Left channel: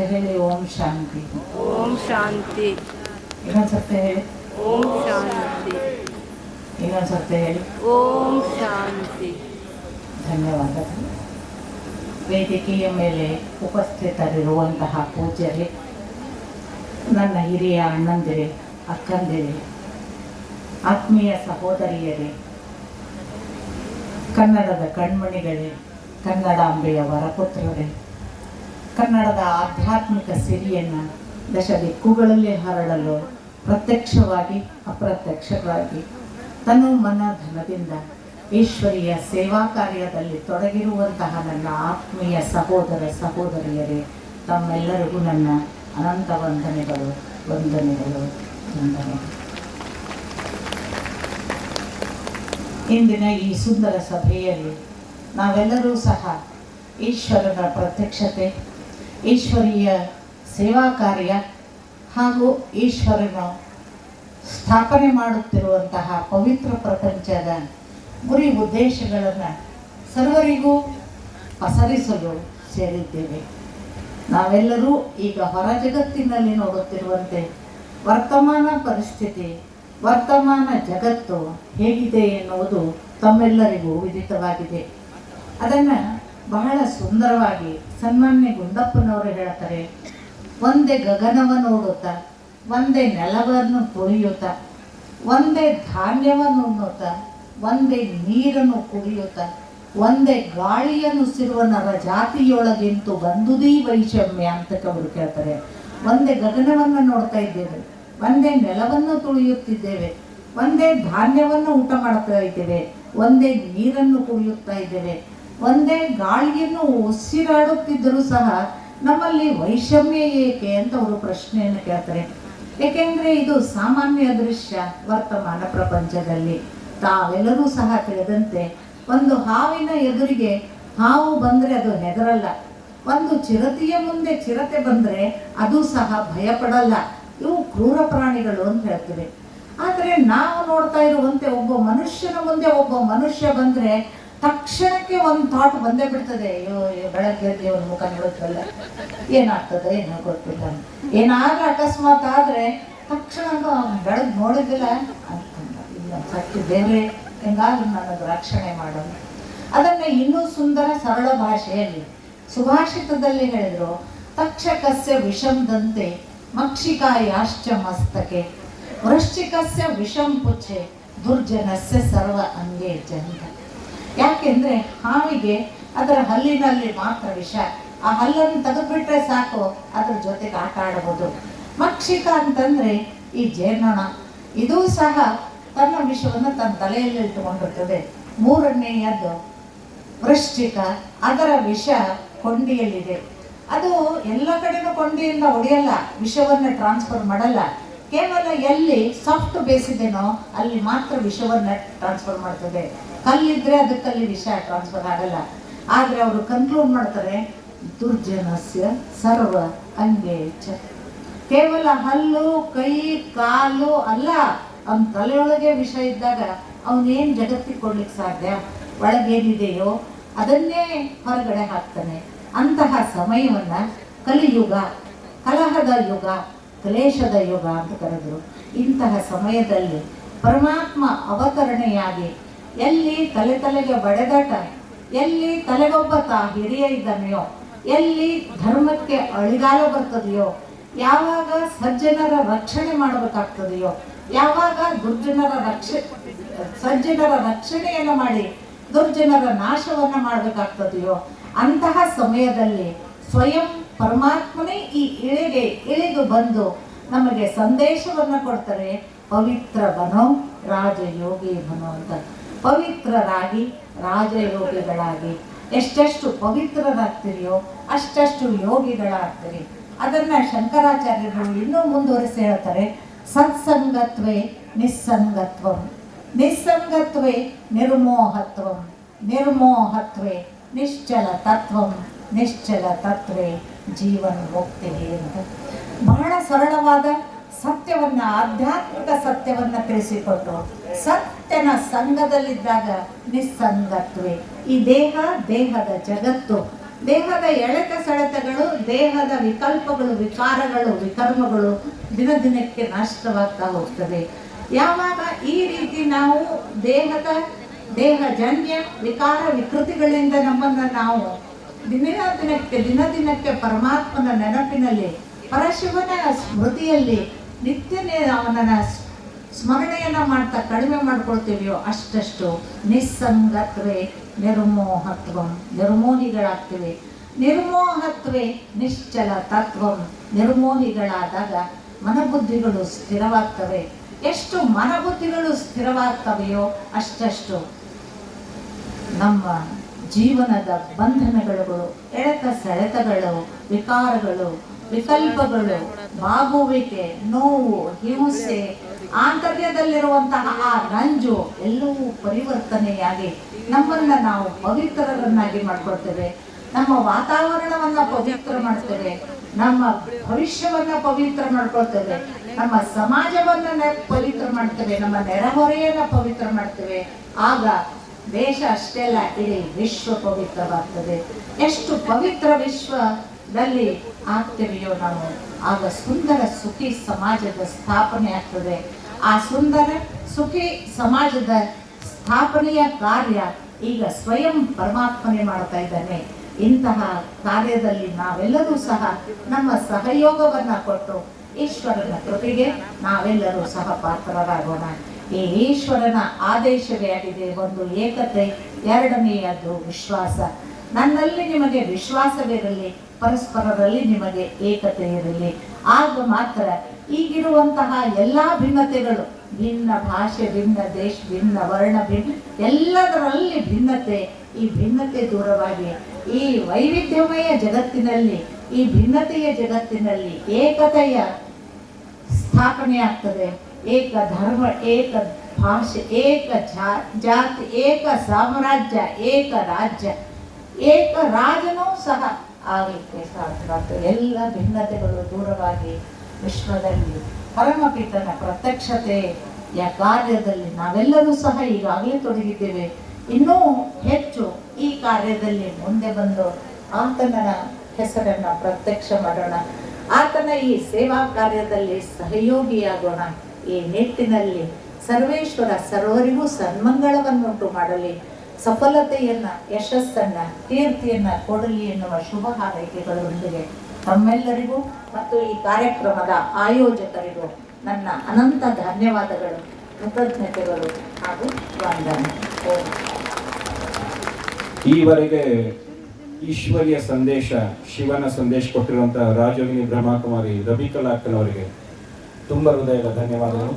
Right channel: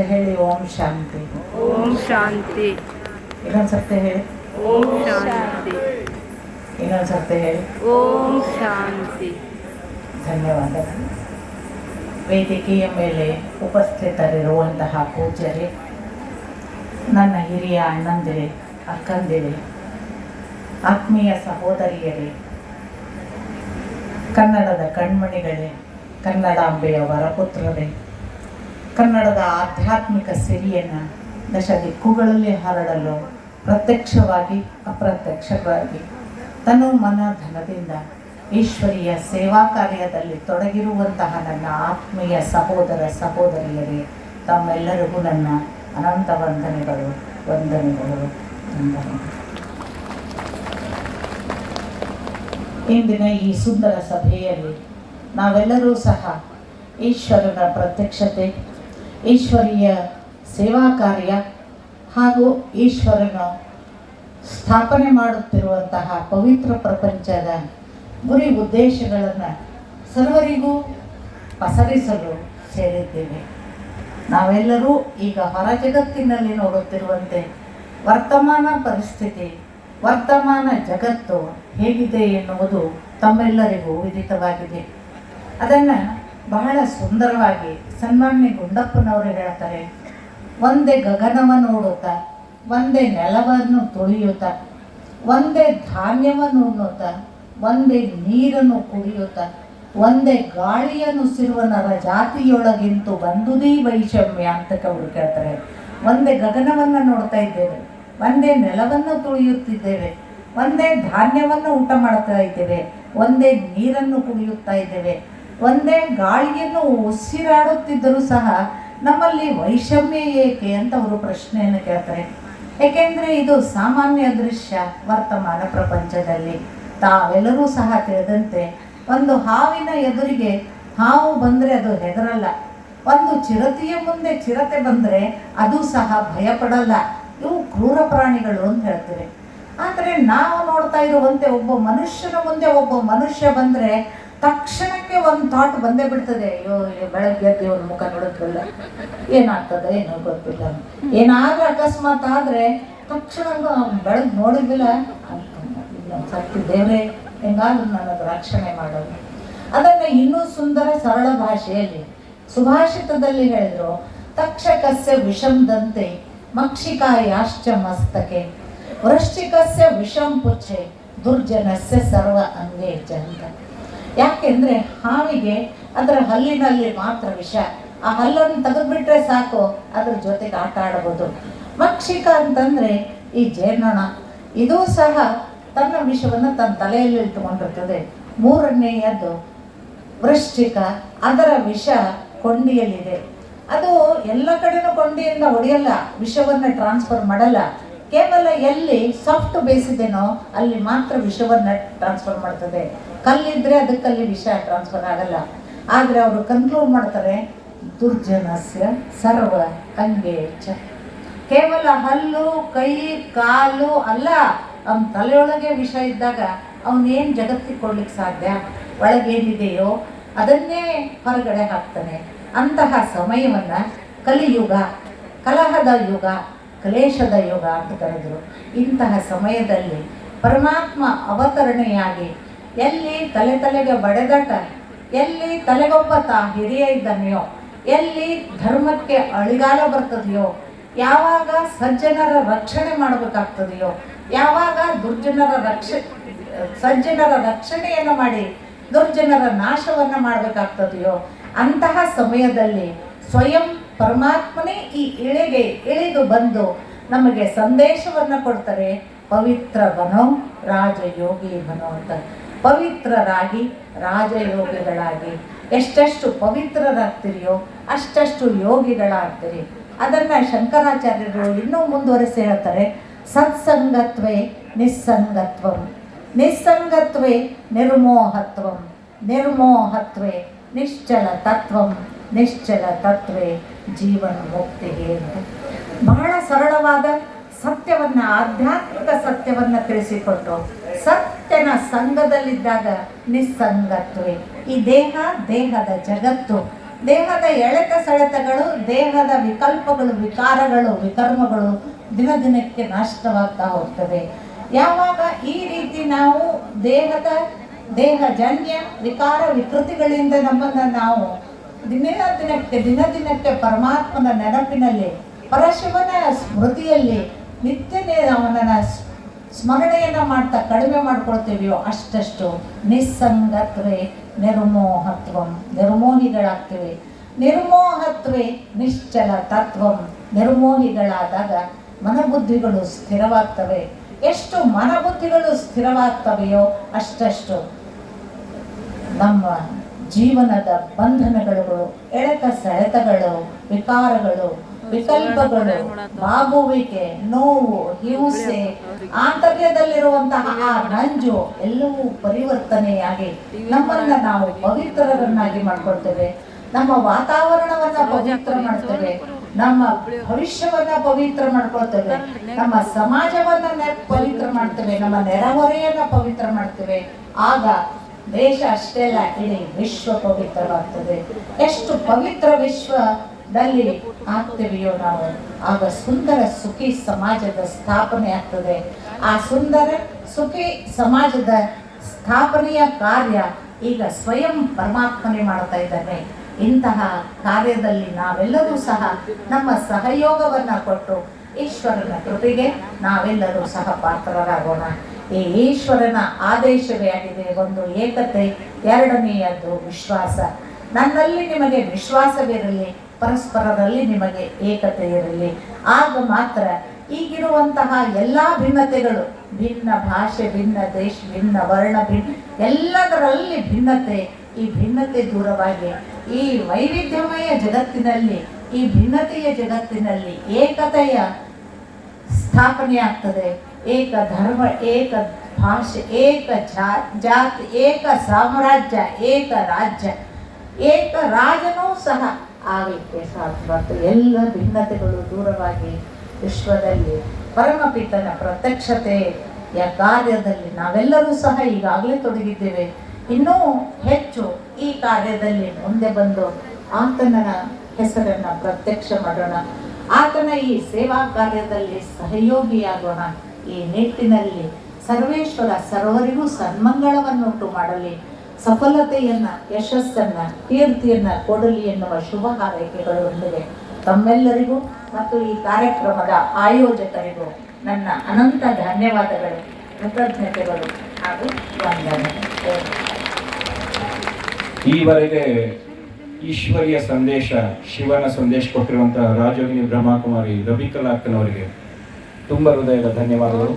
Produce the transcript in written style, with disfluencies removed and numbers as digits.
ಸತ್ಯ ಹೇಳಿ ಓಂ ಶಾಂತಿ. ಓಂ ಶಾಂತಿ. ಇನ್ನೊಂದು ಸತ್ಯ ಹೇಳಿ ಓಂ ಶಾಂತಿ. ಇನ್ನೊಂದು ಸತ್ಯ ಹೇಳಿ ಓಂ ಶಾಂತಿ. ಧನ್ಯವಾದ. ವೇದಿಕೆಯ ಮೇಲೆ ಉಪಸ್ಥಿತರಿರುವಂತಹ ಪೂಜ್ಯರೇ, ನನ್ನ ಹಿರಿಯ ಅಣ್ಣಂದಿರೇ, ಅಕ್ಕಂದಿರೇ, ಆತ್ಮೀಯ ಸಹೋದರಿಯರೇ, ಕನ್ನಡದ ಕಣ್ಮಣಿಗಳೇ, ಕನ್ನಡಾಂಬೆಯ ವರಪುತ್ರರೇ, ಕನ್ನಡದ ಆಧ್ಯಾತ್ಮಿಕ ಸಿರಿಯನ್ನು ದಶ ದಿಕ್ಕುಗಳಲ್ಲಿ ಹರಡಲು ಪ್ರತ್ಯಕ್ಷವಾಗಿ ಅಪ್ರತ್ಯಕ್ಷವಾಗಿ ತನು ಮನ ಧನದಿಂದ ಈಶ್ವರೀಯ ಸೇವಾ ಕಾರ್ಯದಲ್ಲಿ ತೊಡಗಿರುವಂತಹ ನನ್ನ ಆತ್ಮೀಯ ಸಹೋದರ ಸಹೋದರಿಯರೇ, ತಮ್ಮೆಲ್ಲರಿಗೂ ನನ್ನ ಅನಂತ ವಂದನೆಗಳು ವಂದನೆಗಳು ವಂದನೆಗಳು. ಇಂದಿನ ಈ ಸುಂದರ ಸಭೆಯಲ್ಲಿ ನಾವೆಲ್ಲರೂ ಸಹ ಈಶ್ವರನ ಪ್ರತ್ಯಕ್ಷತೆ, ಈಶ್ವರೀಯ ಸೇವಾ ಕಾರ್ಯ ಹಾಗೂ ಈಶ್ವರನ ಸ್ಥಾಪನೆ ಮಾಡುತ್ತಿರುವಂತಹ ಪವಿತ್ರ ಪ್ರಪಂಚದ ಗುರಿ ಉದ್ದೇಶಗಳನ್ನು ಸರ್ವರಿಗೂ ಪಸರಿಸಲು ಸೇರಿದ್ದೇವೆ. ನಾವೆಲ್ಲರೂ ಈಗ ಹೊರ ಜಗತ್ತಿನಲ್ಲಿ ನೋಡುತ್ತಿರುವಂತೆ ವರ್ತಮಾನ ಪರಿಸ್ಥಿತಿ, ವರ್ತಮಾನ ಜಗತ್ತು ಹೇಗಿದೆ ಎನ್ನುವುದು ತಮ್ಮೆಲ್ಲರಿಗೂ ವಿದಿತವಾಗಿದೆ. ಅದನ್ನು ಬಹಳ ಸುಂದರವಾಗಿ ಸನ್ಮಾನ್ಯ ಗುಂಡಪ್ಪನವರು ಹೇಳ್ತಾರೆ, ಒಂದೇ ಗಗನವ ನೋಡುತ್ತಾ, ಒಂದೇ ನೆಲವನ್ನು ತುಳಿಯುತ್ತಾ, ಒಂದೇ ಧಾನ್ಯವನ್ನು ಉಣ್ಣುತ್ತಾ, ಒಂದೇ ನೀರನ್ನು ಕುಡಿಯುತ್ತಾ, ಒಂದೇ ಗಾಳಿಯನ್ನು ಸಿರುವ ನರ ಜಾತಿಯೊಳಗಿಂತೂ ಬಂದುದೀ ವೈಷಮ್ಯ ಅಂತ ಅವರು ಕೇಳ್ತಾರೆ. ಒಂದೇ ಗಗನವನ್ನು ನೋಡ್ತಾ ಇದ್ದೇವೆ, ಒಂದೇ ನೆಲವನ್ನು ತುಳಿಯುತ್ತಿದ್ದೇವೆ, ಒಂದೇ ಧಾನ್ಯವನ್ನು ಊಟ ಮಾಡ್ತಾ ಇದ್ದೇವೆ, ಒಂದೇ ನೀರನ್ನು ಕುಡಿಯುತ್ತಾ ಇದ್ದೇವೆ, ಒಂದೇ ಗಾಳಿಯನ್ನು ಉಸಿರಾಡುತ್ತಿದ್ದರೂ ಸಹ ನಮ್ಮಲ್ಲಿ ವೈಷಮ್ಯ ಏಕೆ ಅಂತ ಅವರು ಪ್ರಶ್ನೆಯನ್ನು ಕೇಳ್ತಾರೆ. ಏಕೆಂದರೆ ಇದು ಸಾಮಾನ್ಯ ದೃಶ್ಯ ವರ್ತಮಾನ ಪ್ರಪಂಚದಲ್ಲಿ. ತಾವೆಲ್ಲರೂ ಸಹ ತಿಳಿದಂತೆ ಒಂದು ಹಾವಿನ ಎದುರಿಗೆ ಹಾವು ಬಂದರೆ ಅದು ಹೆದರಲ್ಲ, ಒಂದು ಚಿರತೆಯ ಮುಂದೆ ಚಿರತೆ ಬಂದರೆ ಅದು ಸಹ ಭಯಪಡಲ್ಲ. ಇವು ಕ್ರೂರ ಪ್ರಾಣಿಗಳು ಅಂತ ಹೇಳ್ತೀವಿ. ಆದರೆ ನಾವು ನೋಡ್ತಾ ಇರುವಂತೆ ಒಬ್ಬ ಮನುಷ್ಯನ ಮುಂದೆ ಒಬ್ಬ ಮನುಷ್ಯ ಬಂದರೆ ತಕ್ಷಣಕ್ಕೆ ಒಂದು ಥಾಟ್ ಬಂದೇ ಬಿಡ್ತದೆ, ಅಯ್ಯೋ ಬೆಳಗ್ಗೆ ದೇವ್ರ ಮುಖ ನೋಡೋದ್ವಲ್ಲ, ಏನಾಗ್ತದೆ ಏನೋ ಗೊತ್ತಿಲ್ಲ, ಏನಾದರೂ ಅಕಸ್ಮಾತ್ ಆದರೆ ತಕ್ಷಣ ಬೆಳಗ್ಗೆ ನೋಡಿದ್ವಿಲ್ಲ ಅಂತಂದ ಸತ್ಯ ದೇವರೇ ಹೆಂಗಾದ್ರೂ ನನಗೆ ರಕ್ಷಣೆ ಮಾಡೋದು. ಅದನ್ನು ಇನ್ನೂ ಸುಂದರ ಸರಳ ಭಾಷೆಯಲ್ಲಿ ಸುಭಾಷಿತದಲ್ಲಿ ಹೇಳಿದರು, ತಕ್ಷಕಸ್ಯ ವಿಷಂದಂತೆ ಮಕ್ಷಿಕಾಯಾಶ್ಚ ಮಸ್ತಕೆ ವೃಶ್ಚಿಕಸ್ಯ ವಿಷಂ ಪುಚ್ಛೆ ದುರ್ಜನಸ್ಯ ಸರ್ವ ಅಂಗೇಚ ಅಂತ. ಯಾಕೆಂದರೆ ಹಾವಿಗೆ ಅದರ ಹಲ್ಲಿನಲ್ಲಿ ಮಾತ್ರ ವಿಷ, ಆ ಹಲ್ಲನ್ನು ತೆಗೆದುಬಿಟ್ರೆ ಸಾಕು, ಅದ್ರ ಜೊತೆಗೆ ಆಟ ಆಡಬಹುದು. ಮಕ್ಷಿಕ ಅಂತಂದರೆ ಈ ಜೇನೊಣ, ಇದೂ ಸಹ ತನ್ನ ವಿಷವನ್ನು ತನ್ನ ತಲೆಯಲ್ಲಿ ಇಟ್ಟುಕೊಂಡಿರ್ತದೆ. ಮೂರನೆಯದು ವೃಶ್ಚಿಕ, ಅದರ ವಿಷ ಕೊಂಡಿಯಲ್ಲಿದೆ. ಅದು ಎಲ್ಲ ಕಡೆನೂ ಕೊಂಡಿಯಿಂದ ಹೊಡೆಯಲ್ಲ, ವಿಷವನ್ನು ಟ್ರಾನ್ಸ್ಫರ್ ಮಾಡಲ್ಲ. ಕೇವಲ ಎಲ್ಲಿ ಸಾಫ್ಟ್ ಬೇಸಿದೆನೋ ಅಲ್ಲಿ ಮಾತ್ರ ವಿಷವನ್ನು ಟ್ರಾನ್ಸ್ಫರ್ ಮಾಡ್ತದೆ. ಕಲ್ಲಿದ್ದರೆ ಅದಕ್ಕಲ್ಲಿ ವಿಷ ಟ್ರಾನ್ಸ್ಫರ್ ಆಗಲ್ಲ. ಆದರೆ ಅವರು ಕನ್ಕ್ಲೂಡ್ ಮಾಡ್ತಾರೆ, ದುರ್ಜನಸ್ಯ ಸರ್ವ ಅಂಗೇಚ. ಕೇವಲ ಹಲ್ಲು, ಕೈ, ಕಾಲು ಅಲ್ಲ, ಅವನ ತಲೆಯೊಳಗೆ ವಿಷ ಇದ್ದಾಗ ಅವನೇನು ಜಗತ್ತಿಗೆ ಕೊಡ್ಲಿಕ್ಕೆ ಸಾಧ್ಯ? ಒಳಗೇನಿದೆಯೋ ಅದನ್ನೇ ಹೊರಗಡೆ ಹಾಕ್ತಾನೆ. ಅಂತಹ ಸಮಯವನ್ನು ಕಲಿಯುಗ, ಕಲಹದ ಯುಗ, ಕ್ಲೇಶದ ಯುಗ ಅಂತ ಕರೆದರು. ಇಂತಹ ಸಮಯದಲ್ಲಿ ಪರಮಾತ್ಮ ಅವತರಣೆಯಾಗಿ ಎಲ್ಲಿ ತಲೆಗೆ ಬಡೆದಾಟ, ಎಲ್ಲಿ ತಲೆಗೊಬ್ಬ ಹಿರಿಯ ಇದ್ದಾನೆಯೋ, ಎಲ್ಲಿ ಧರ್ಮಕ್ಕೆ ಅಳಿಗಾಲ ಬರ್ತದೆಯೋ, ಯಾವಾಗ ಸಜ್ಜನರ ರಕ್ಷಣೆ ಮಾಡಬೇಕಾಗ್ತದೆಯೋ, ಯಾವಾಗ ಸಜ್ಜನರ ರಕ್ಷಣೆಯನ್ನು ಮಾಡಿ ದುರ್ಜನರ ನಾಶವನ್ನು ಮಾಡಬೇಕಾಗ್ತದೆಯೋ, ಅಂತಹ ಸಮಯದಲ್ಲಿ ಸ್ವಯಂ ಪರಮಾತ್ಮನೇ ಈ ಇಳಿದು ಬಂದು ನಮಗೆ ಸಂದೇಶವನ್ನು ಕೊಡ್ತಾರೆ. ಪವಿತ್ರ ಬನೋ ರಾಜಯೋಗಿ ಬನೋ ಅಂತ. ಪವಿತ್ರರಾಗಿ ರಾಜಯೋಗಿಗಳಾಗಿ ಎಷ್ಟೆಷ್ಟು ಪವಿತ್ರರಾಗ್ತೀರಿಯೋ ಅಷ್ಟಷ್ಟು ಯೋಗಿಗಳಾಗ್ತೀರಿ. ಅದನ್ನು ಶಂಕರಾಚಾರ್ಯರು ಇನ್ನೂ ಮುಂದುವರಿಸಿ ಹೇಳ್ತಾರೆ, ಸತ್ಸಂಗತ್ವೇ ನಿಸ್ಸಂಗತ್ವಂ, ನಿಸ್ಸಂಗತ್ವೇ ನಿರ್ಮೋಹತ್ವಂ, ನಿರ್ಮೋಹತ್ವೇ ನಿಶ್ಚಲ ತತ್ವಂ, ನಿಶ್ಚಲ ತತ್ವೇ ಜೀವನ ಮುಕ್ತಿಗೆ ಅಂತ ಬಹಳ ಸರಳವಾದ ಸತ್ಯವನ್ನು, ಆಧ್ಯಾತ್ಮಿಕ ಸತ್ಯವನ್ನು ತಿಳಿಸಿಕೊಟ್ಟು, ಸತ್ಯನ ಸಂಘದಲ್ಲಿದ್ದಾಗ ನಿಸ್ಸಂಗತ್ವೇ. ಈ ದೇಹದ ಜಗತ್ತು ದೇಹದ ಎಳೆತ ಸೆಳೆತಗಳು, ದೇಹದ ವಿಕಲ್ಪಗಳು, ವಿಕಾರಗಳು, ವಿಕರ್ಮಗಳು ದಿನ ದಿನಕ್ಕೆ ನಷ್ಟವಾಗ್ತಾ ಹೋಗ್ತವೆ. ಯಾವಾಗ ಈ ರೀತಿ ನಾವು ದೇಹಜನ್ಯ ವಿಕಾರ ವಿಕೃತಿಗಳಿಂದ ನಮ್ಮನ್ನು ನಾವು ದಿನ ದಿನಕ್ಕೆ ಪರಮಾತ್ಮನ ನೆನಪಿನಲ್ಲಿ, ಪರಶಿವನ ಸ್ಮೃತಿಯಲ್ಲಿ ನಿತ್ಯ ಅವನನ್ನ ಸ್ಮರಣೆಯನ್ನು ಮಾಡ್ತಾ ಕಡಿಮೆ ಮಾಡ್ಕೊಳ್ತೀವಿಯೋ ಅಷ್ಟಷ್ಟು ನಿಸ್ಸಂಗತ್ವೇ ನಿರ್ಮೋಹತ್ವಂ, ನಿರ್ಮೋಹಿಗಳಾಗ್ತೇವೆ. ನಿರ್ಮೋಹತ್ವೇ ನಿಶ್ಚಲ ತತ್ವಂ, ನಿರ್ಮೋಹಿಗಳಾದಾಗ ಮನಬುದ್ಧಿಗಳು ಸ್ಥಿರವಾಗ್ತವೆ. ಎಷ್ಟು ಮನಬುದ್ಧಿಗಳು ಸ್ಥಿರವಾಗ್ತವೆಯೋ ಅಷ್ಟಷ್ಟು ನಮ್ಮ ಜೀವನದ ಬಂಧನಗಳು, ಎಳೆತ ಸೆಳೆತಗಳು, ವಿಕಾರಗಳು, ವಿಕಲ್ಪಗಳು, ಬಾಗುವಿಕೆ, ನೋವು, ಹಿಂಸೆ, ಆಂತರ್ಯದಲ್ಲಿರುವಂತಹ ಆ ನಂಜು ಎಲ್ಲವೂ ಪರಿವರ್ತನೆಯಾಗಿ ನಮ್ಮನ್ನ ನಾವು ಪವಿತ್ರರನ್ನಾಗಿ ಮಾಡ್ಕೊಳ್ತೇವೆ. ನಮ್ಮ ವಾತಾವರಣವನ್ನ ಪವಿತ್ರ ಮಾಡ್ತೇವೆ, ನಮ್ಮ ಭವಿಷ್ಯವನ್ನ ಪವಿತ್ರ ಮಾಡ್ಕೊಳ್ತೇವೆ, ನಮ್ಮ ಸಮಾಜವನ್ನ ಪವಿತ್ರ ಮಾಡ್ತೇವೆ, ನಮ್ಮ ನೆರೆಹೊರೆಯನ್ನ ಪವಿತ್ರ ಮಾಡ್ತೇವೆ. ಆಗ ದೇಶ ಅಷ್ಟೇ ಅಲ್ಲ, ಇಡೀ ವಿಶ್ವ ಪವಿತ್ರವಾಗ್ತದೆ. ಎಷ್ಟು ಪವಿತ್ರ ವಿಶ್ವದಲ್ಲಿ ಆಗ್ತೇವೆಯೋ ನಾವು, ಆಗ ಸುಂದರ ಸುಖಿ ಸಮಾಜದ ಸ್ಥಾಪನೆ ಆಗ್ತದೆ. ಆ ಸುಂದರ ಸುಖಿ ಸಮಾಜದ ಸ್ಥಾಪನೆಯ ಕಾರ್ಯ ಈಗ ಸ್ವಯಂ ಪರಮಾತ್ಮನೇ ಮಾಡ್ತಾ ಇದ್ದಾನೆ. ಇಂತಹ ಕಾರ್ಯದಲ್ಲಿ ನಾವೆಲ್ಲರೂ ಸಹ ನಮ್ಮ ಸಹಯೋಗವನ್ನು ಕೊಟ್ಟು ಈಶ್ವರನ ಕೃಪೆಗೆ ನಾವೆಲ್ಲರೂ ಸಹ ಪಾತ್ರರಾಗೋಣ. ಈ ಈಶ್ವರನ ಆದೇಶವೇ ಆಗಿದೆ, ಒಂದು ಏಕತೆ, ಎರಡನೆಯದು ವಿಶ್ವಾಸ. ನನ್ನಲ್ಲಿ ನಿಮಗೆ ವಿಶ್ವಾಸವಿರಲಿ, ಪರಸ್ಪರರಲ್ಲಿ ನಿಮಗೆ ಏಕತೆ ಇರಲಿ. ಆಗ ಮಾತ್ರ ಈಗಿರುವಂತಹ ಎಲ್ಲ ಭಿನ್ನತೆಗಳು, ಭಿನ್ನ ಭಾಷೆ, ಭಿನ್ನ ದೇಶ, ಭಿನ್ನ ವರ್ಣ, ಎಲ್ಲದರಲ್ಲಿ ಭಿನ್ನತೆ, ಈ ಭಿನ್ನತೆ ದೂರವಾಗಿ ಈ ವೈವಿಧ್ಯಮಯ ಜಗತ್ತಿನಲ್ಲಿ, ಈ ಭಿನ್ನತೆಯ ಜಗತ್ತಿನಲ್ಲಿ ಏಕತೆಯ ಸ್ಥಾಪನೆ ಆಗ್ತದೆ. ಏಕ ಧರ್ಮ, ಏಕ ಭಾಷೆ, ಏಕ ಜಾತಿ, ಏಕ ಸಾಮ್ರಾಜ್ಯ, ಏಕ ರಾಜ್ಯ, ಏಕ ರಾಜನೂ ಸಹ ಆಗಲಿಕ್ಕೆ ಸಾಧ್ಯ. ಎಲ್ಲ ಭಿನ್ನತೆಗಳು ದೂರವಾಗಿ ವಿಶ್ವದಲ್ಲಿ ಪರಮಪಿತನ ಪ್ರತ್ಯಕ್ಷತೆಯ ಕಾರ್ಯದಲ್ಲಿ ನಾವೆಲ್ಲರೂ ಸಹ ಈಗಾಗಲೇ ತೊಡಗಿದ್ದೇವೆ. ಇನ್ನೂ ಹೆಚ್ಚು ಈ ಕಾರ್ಯದಲ್ಲಿ ಮುಂದೆ ಬಂದು ಆತನ ಹೆಸರನ್ನು ಪ್ರತ್ಯಕ್ಷ ಮಾಡೋಣ. ಆತನ ಈ ಸೇವಾ ಕಾರ್ಯದಲ್ಲಿ ಸಹಯೋಗಿಯಾಗೋಣ. ಈ ನಿಟ್ಟಿನಲ್ಲಿ ಸರ್ವೇಶ್ವರ ಸರ್ವರಿಗೂ ಸನ್ಮಂಗಳವನ್ನುಂಟು ಮಾಡಲಿ, ಸಫಲತೆಯನ್ನು, ಯಶಸ್ಸನ್ನು, ಕೀರ್ತಿಯನ್ನು ಕೊಡಲಿ ಎನ್ನುವ ಶುಭ ಹಾರೈಕೆಗಳೊಂದಿಗೆ ತಮ್ಮೆಲ್ಲರಿಗೂ ಮತ್ತು ಈ ಕಾರ್ಯಕ್ರಮದ ಆಯೋಜಕರಿಗೂ ನನ್ನ ಅನಂತ ಧನ್ಯವಾದಗಳು, ಕೃತಜ್ಞತೆಗಳು ಹಾಗೂ ವಂದನೆ. ಈವರೆಗೆ ಈಶ್ವರಿಯ ಸಂದೇಶ, ಶಿವನ ಸಂದೇಶ ಕೊಟ್ಟಿರುವಂತಹ ರಾಜಯೋಗಿನಿ ಬ್ರಹ್ಮಕುಮಾರಿ ರವಿಕಲಾ ಅಕ್ಕನವರಿಗೆ ತುಂಬ ಹೃದಯದ ಧನ್ಯವಾದಗಳು.